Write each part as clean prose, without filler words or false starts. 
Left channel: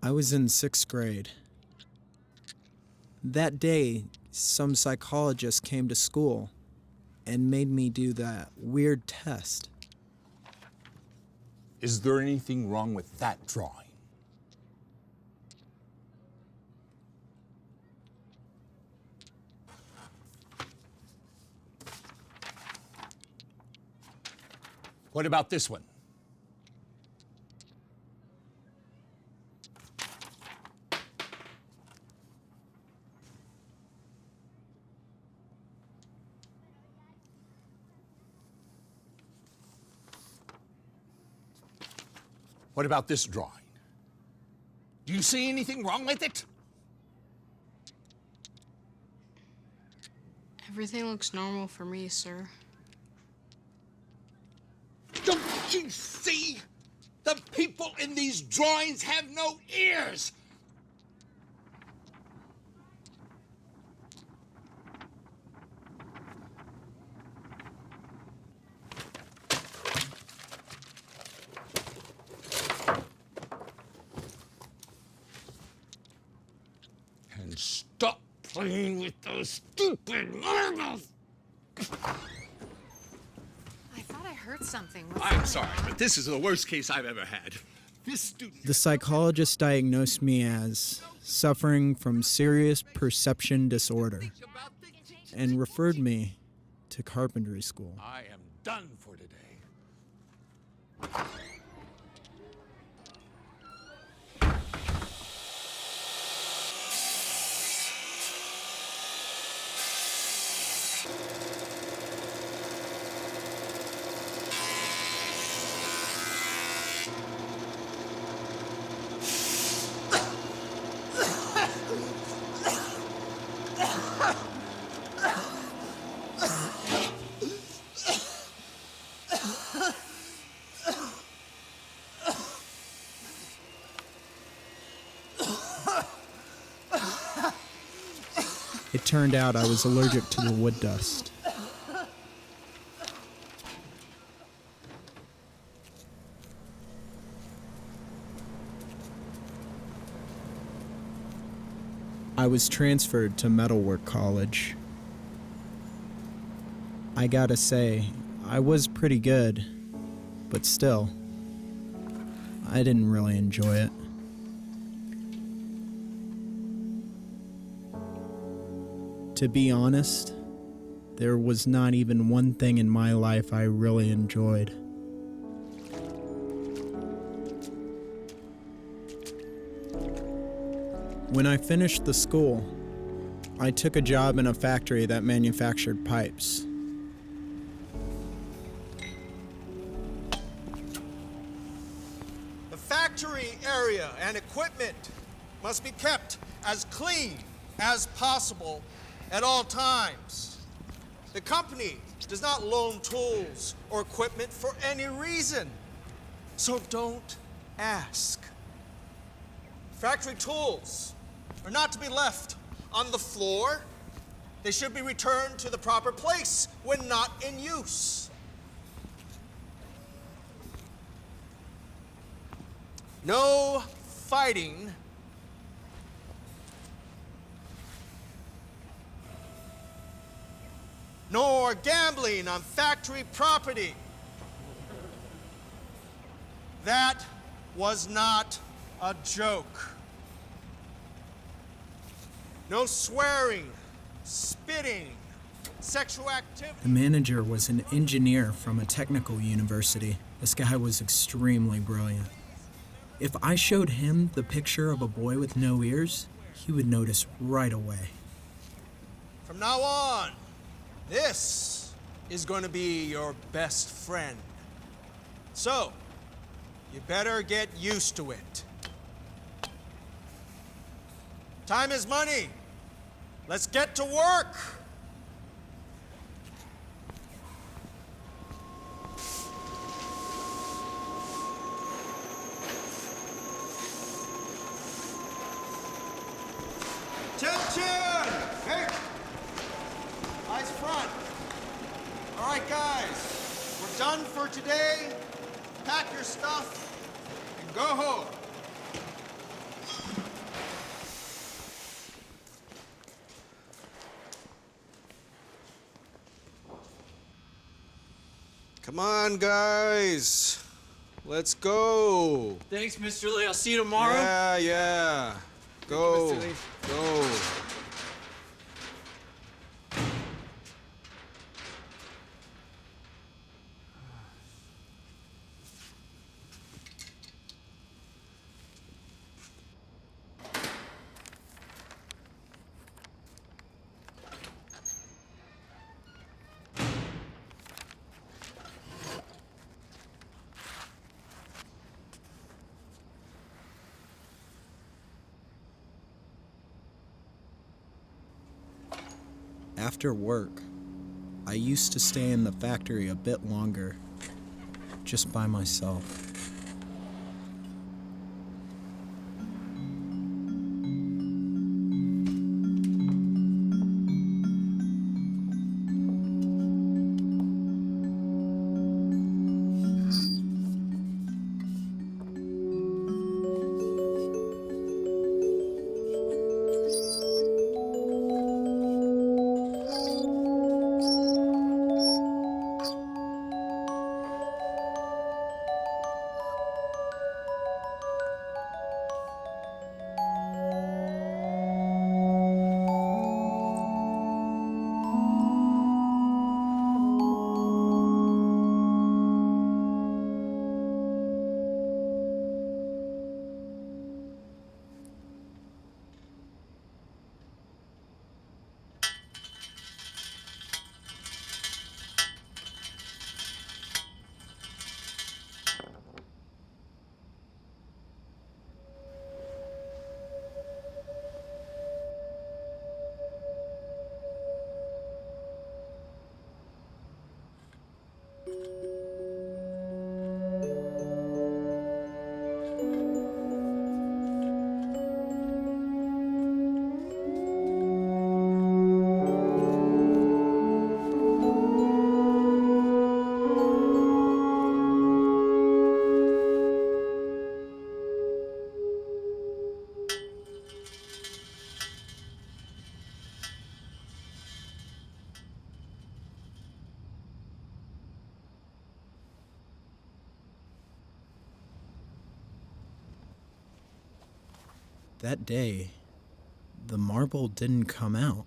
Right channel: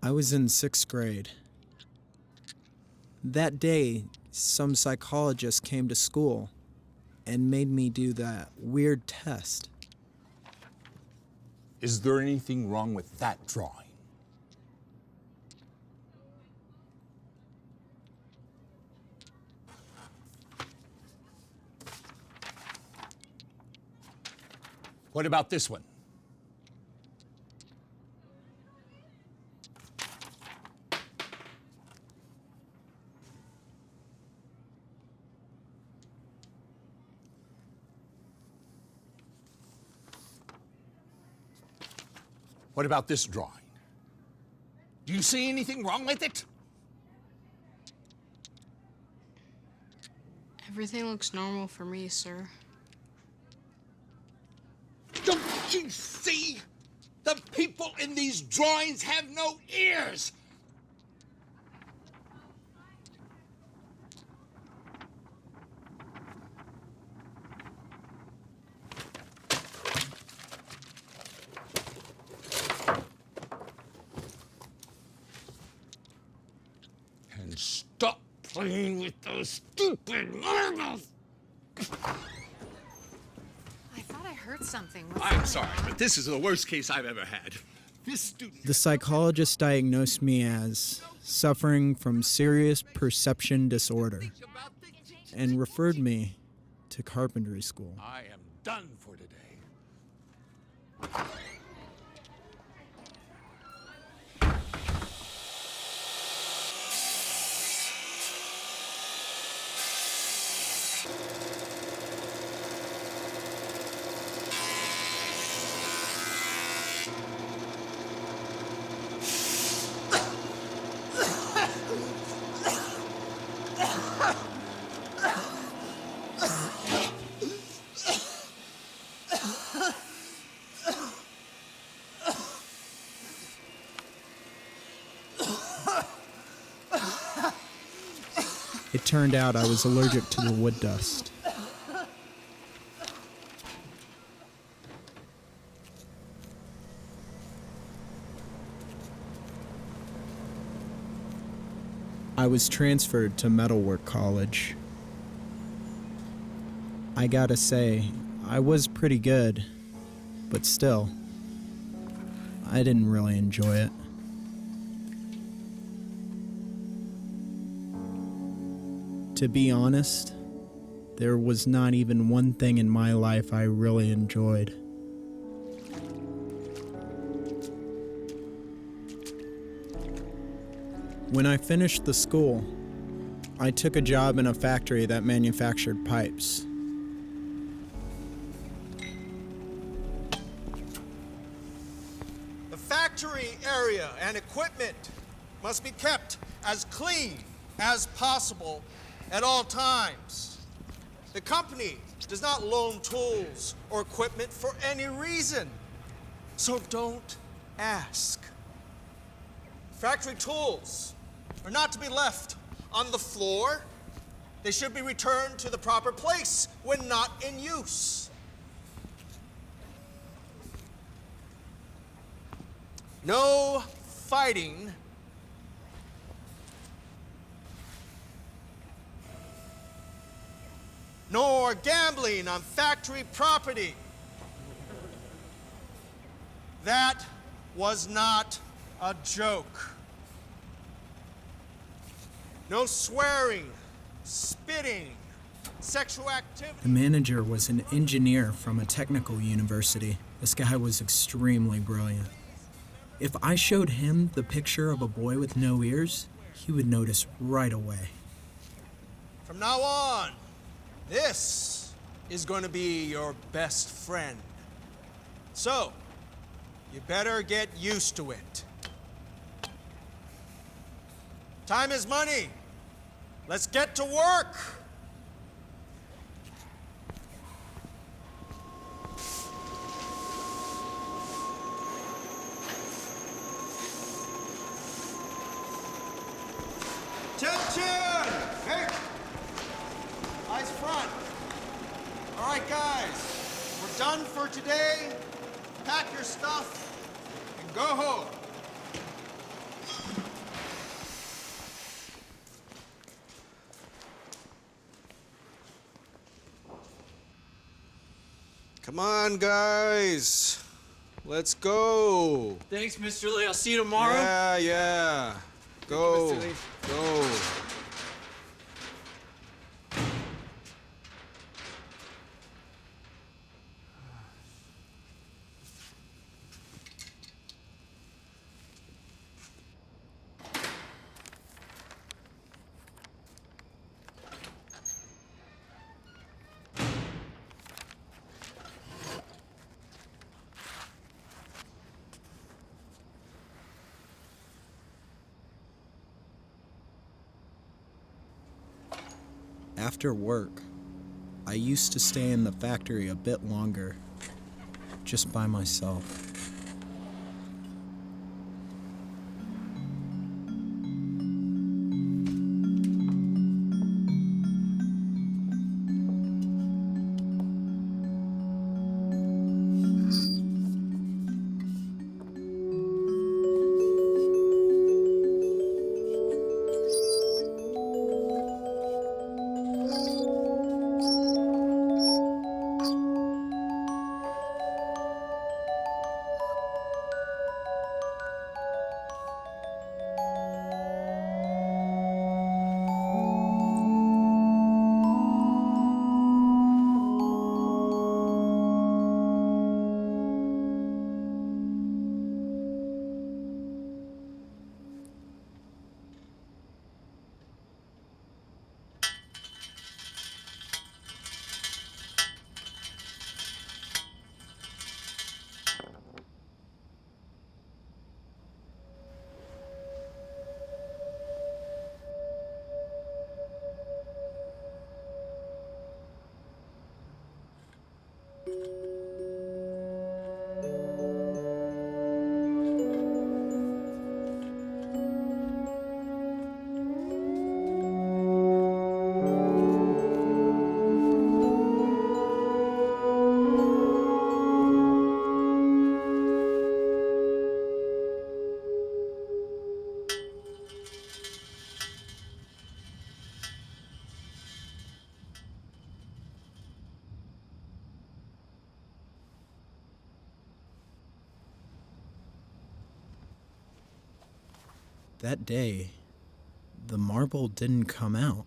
I was in 6th grade. That day, some psychologist came to school and made me do that weird test. Is there anything wrong with that drawing? What about this one? What about this drawing? Do you see anything wrong with it? Everything looks normal for me, sir. Don't you see? The people in these drawings have no ears! And stop playing with those stupid marbles! I thought I heard something. I'm sorry, but this is the worst case I've ever had. This student... The psychologist diagnosed me as suffering from serious perception disorder and referred me to carpentry school. I am done for today. It turned out I was allergic to the wood dust. I was transferred to metalwork college. I gotta say, I was pretty good, but still, I didn't really enjoy it. To be honest, there was not even one thing in my life I really enjoyed. When I finished the school, I took a job in a factory that manufactured pipes. The factory area and equipment must be kept as clean as possible at all times. The company does not loan tools or equipment for any reason, so don't ask. Factory tools are not to be left on the floor. They should be returned to the proper place when not in use. No fighting nor gambling on factory property. That was not a joke. No swearing, spitting, sexual activity. The manager was an engineer from a technical university. This guy was extremely brilliant. If I showed him the picture of a boy with no ears, he would notice right away. From now on, this is going to be your best friend. So, you better get used to it. Time is money. Let's get to work. Attention! Hey! Eyes front. All right, guys. We're done for today. Pack your stuff and go home. Come on, guys. Let's go. Thanks, Mr. Lee. I'll see you tomorrow. Yeah. Go. Mr. Lee. Go. After work, I used to stay in the factory a bit longer, just by myself. That day, the marble didn't come out.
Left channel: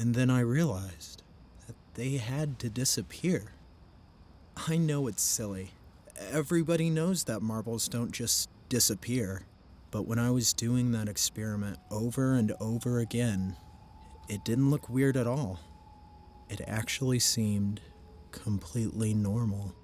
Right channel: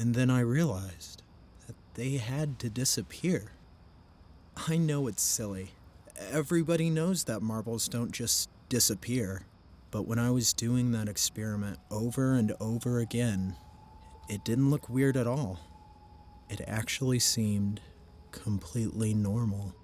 And then I realized that they had to disappear. I know it's silly. Everybody knows that marbles don't just disappear. But when I was doing that experiment over and over again, it didn't look weird at all. It actually seemed completely normal.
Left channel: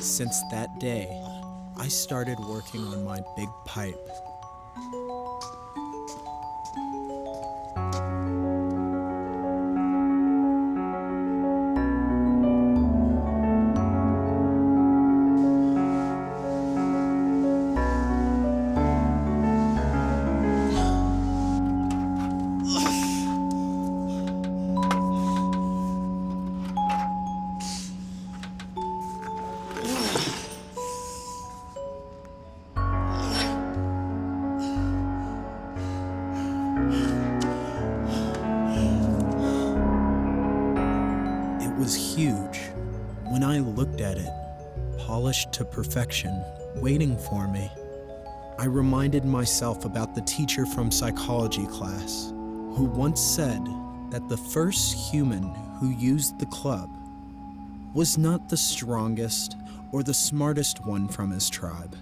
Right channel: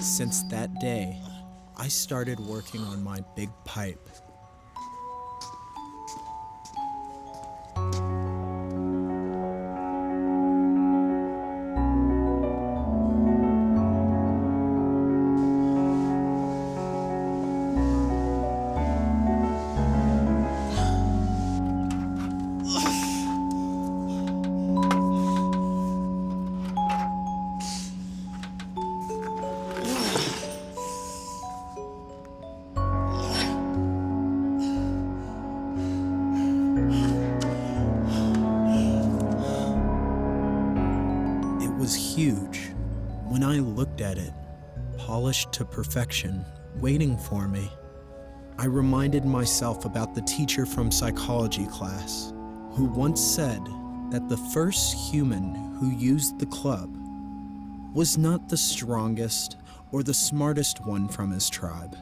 Since that day, I started working on my big pipe. was huge. When I looked at it, polished to perfection, waiting for me, I reminded myself about the teacher from psychology class, who once said that the first human who used the club was not the strongest or the smartest one from his tribe.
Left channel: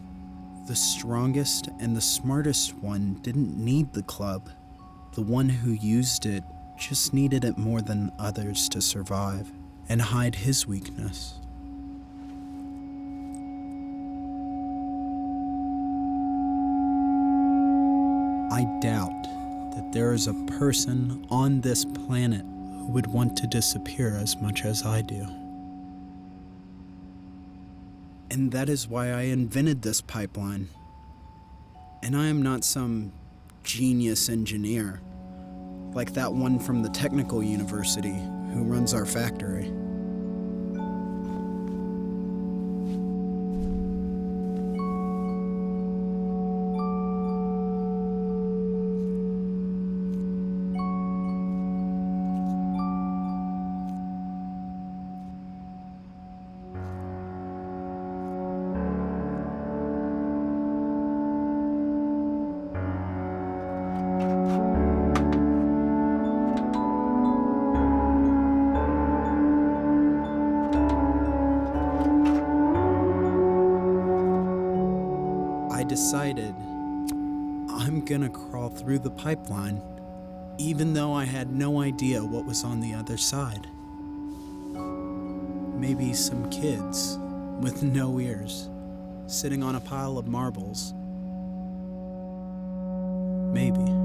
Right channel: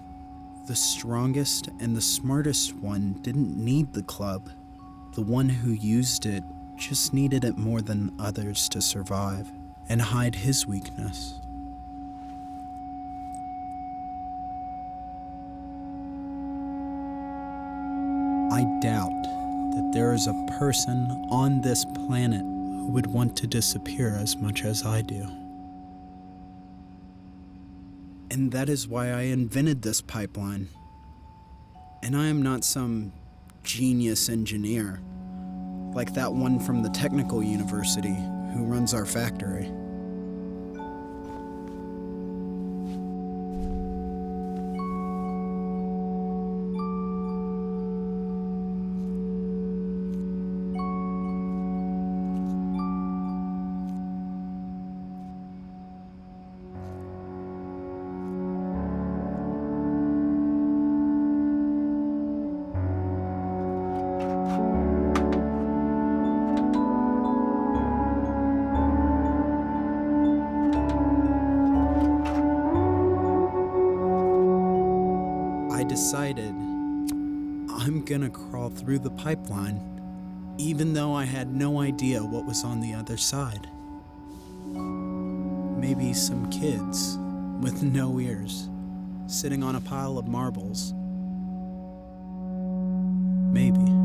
The strongest and the smartest one didn't need the club. The one who used it just needed it more than others to survive and hide his weakness. I doubt that there is a person on this planet who would want to disappear as much as I do. And that is why I invented this pipeline. And I am not some genius engineer, like that one from the technical university who runs our factory. I decided I'm gonna crawl through the pipeline, even though I had no idea what was on the other side. Maybe some kids with no ears, sitting on a pile of marbles. Maybe.